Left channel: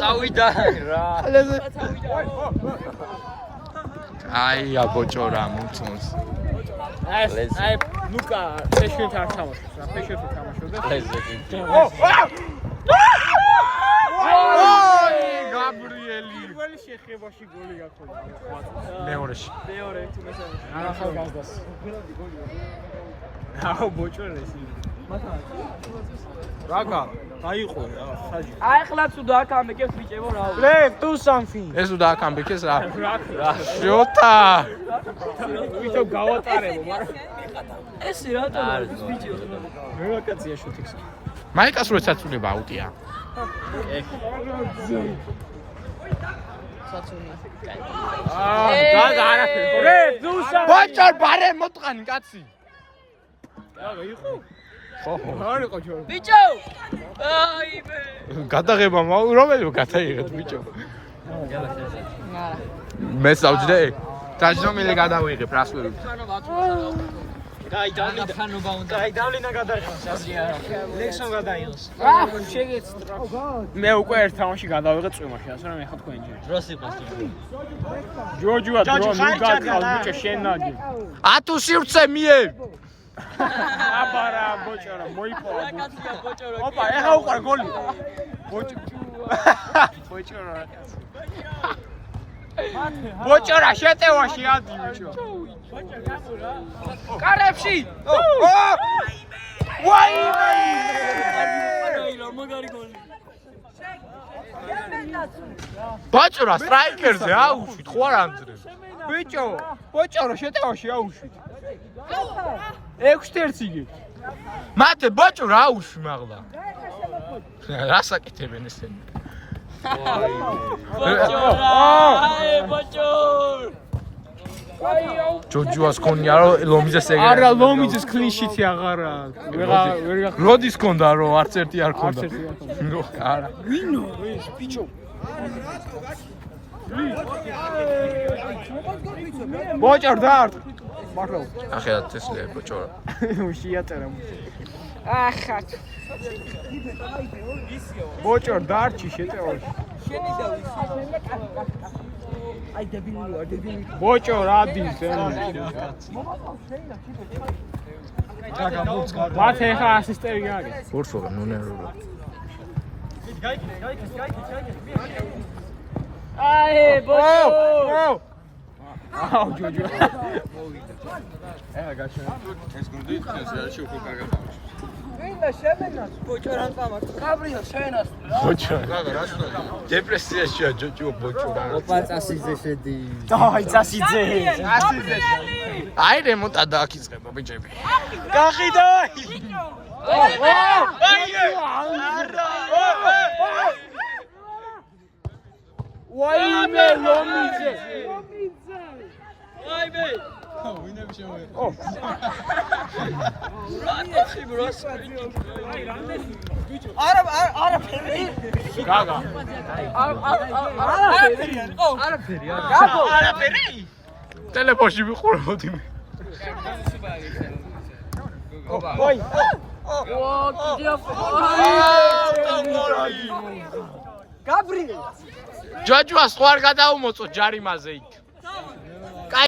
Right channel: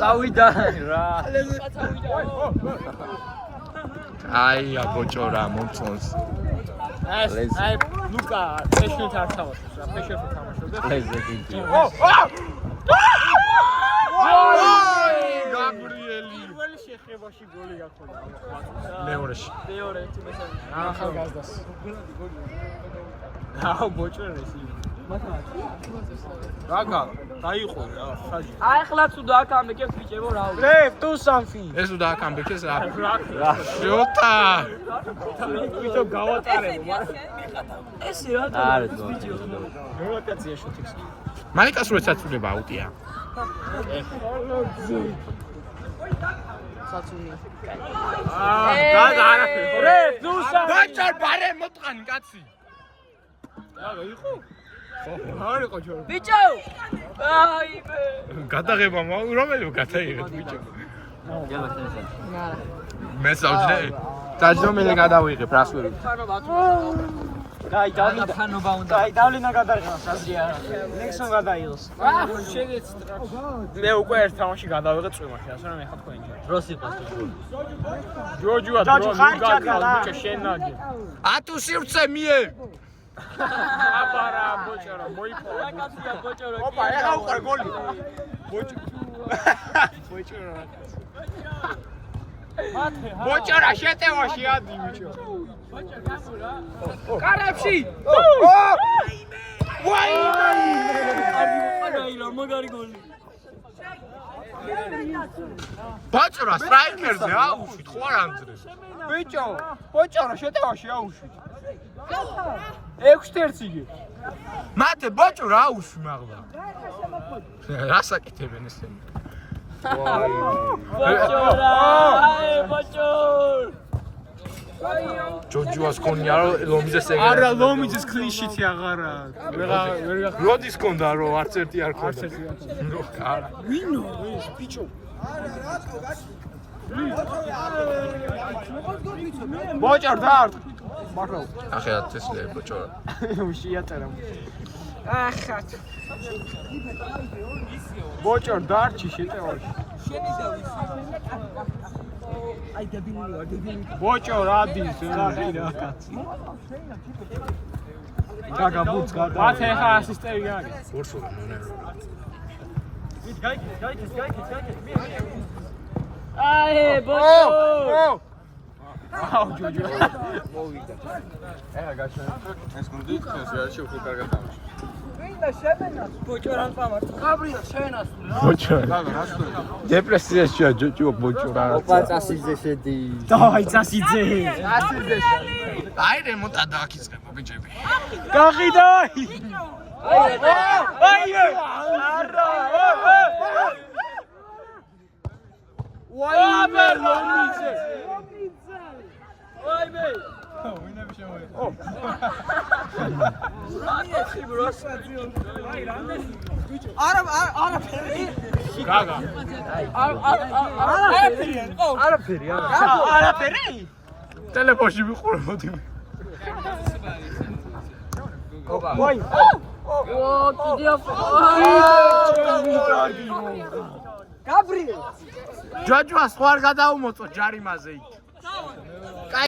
წავიდა რა. აი აბოჭო რა მომწონს. აი ლუკა ფეშენთან არ თამაშობს. ფეშენთან თამაშობდა. ოი გაბრიელი. პირველი შეხებაში გოლი გაქონდა. მეორეში. მეორე თუ ახალგაზრდას. აუ ბოჭორესი. რაგა დაიყო რა საჯი. აი ხლა თუ დააკამბეკებ ბიჭებო რა. Do something. ეს უნდა აკამბეკეს რა. შოთა. ვიდეო გავატარებ. ეს რატო არის ბიჭო? რელოკაცია შუთიქს. მაიკას რო ეცაცულება აუტია. გაგა არაფერი. Do something. ბოჭორ ბარე მოტყანი კაცი. რაგა იყო? ხო. არ იყო ჯო. ბიჭო! აი მე. გადაღება რომელი გადაიღეთ ბიჭო? მე სავჯდე. დაჯდომილი გადავიღებ რას ვერ ვიყ. ხანობა უნდა. აი დავლენა გადაიღოს ასე არა. ლექსონ გადაიღოს. შეგეც. მე უკვე ერთ თამაში გადავიღე წვიმაში, ასე რომ ეხა თქვენ. დროსი პასტო. ჯოჯოა დრო ბიჭო შენადი. ათუ სივრცე მიე. აბარა ბოჭარა მოიფო. კაცია ბოჭორო. ოპა ეხა უყარ გოლი. ბოჭარა. ბოჭორა შეტევაში ადი ბიჭო. კარებში. ვაიმე! აი რა მაგარი გოლი. ბოჭორა სტრაიკერზე აუშვით ხო არ ამდრე. ბიჭო, ბოჭარო შეტევაში აუშვით. 6-1 იგი. მათე ბოჭორა აუშვი მაღლა. რას აკეთებენ ესენი? ბოჭორა! აი ბოჭორ! ჯოჯოას ქონია რომ ლომიძეს ეგრე. არა ლომიძეს კლინშიტი აღარა. ვერ როდის ქონდა რომ არც ერთი არ ქონდა. არა. ვინო ეს ბიჭო? ბოჭარ დარ. მართლა. ახლა თესლე ბოჭორა. უშიაწერა. ახლა. ბოჭარ დარჩი შეტევაში. შენი დავის. აი დებილი ვარ, დებილი. ბოჭო რადის გაგა ბუცკა. მათე ხა ასისტენტი არის. ბორსო ნონერო. აი ბოჭო! აუ ჯოჯო. გაჩვენ. ეს გუნდი ეს რა უფრო კარგად თამაშობს. ვინდა შემენა? ბოჭო რა პამართ. გაბრიელ შენას. ბოჭო. რაგა რა სწორი. დეპრესიაშია ჯოჯო ბოჭორა. ოპა წასიძე შედი. დაი წასიძე. აი რემონტა დააკიწყება ბიჭები. გაყიდაი. აი მე! ვაიმე ლომიძე. აი მე! ვინები შემოიღე. აი რამდენი ბიჭო. არაფერი. გაგა. არაფერი არის. ო, არაფერი არა. გაბო. არაფერი. ტელეფონში ვიყურებოდი მე. ვაი. ო, კიდევ. გაბრიელ. ჯოჯოას ხო არ გადაუმოწო ჯარიმაზე იქ.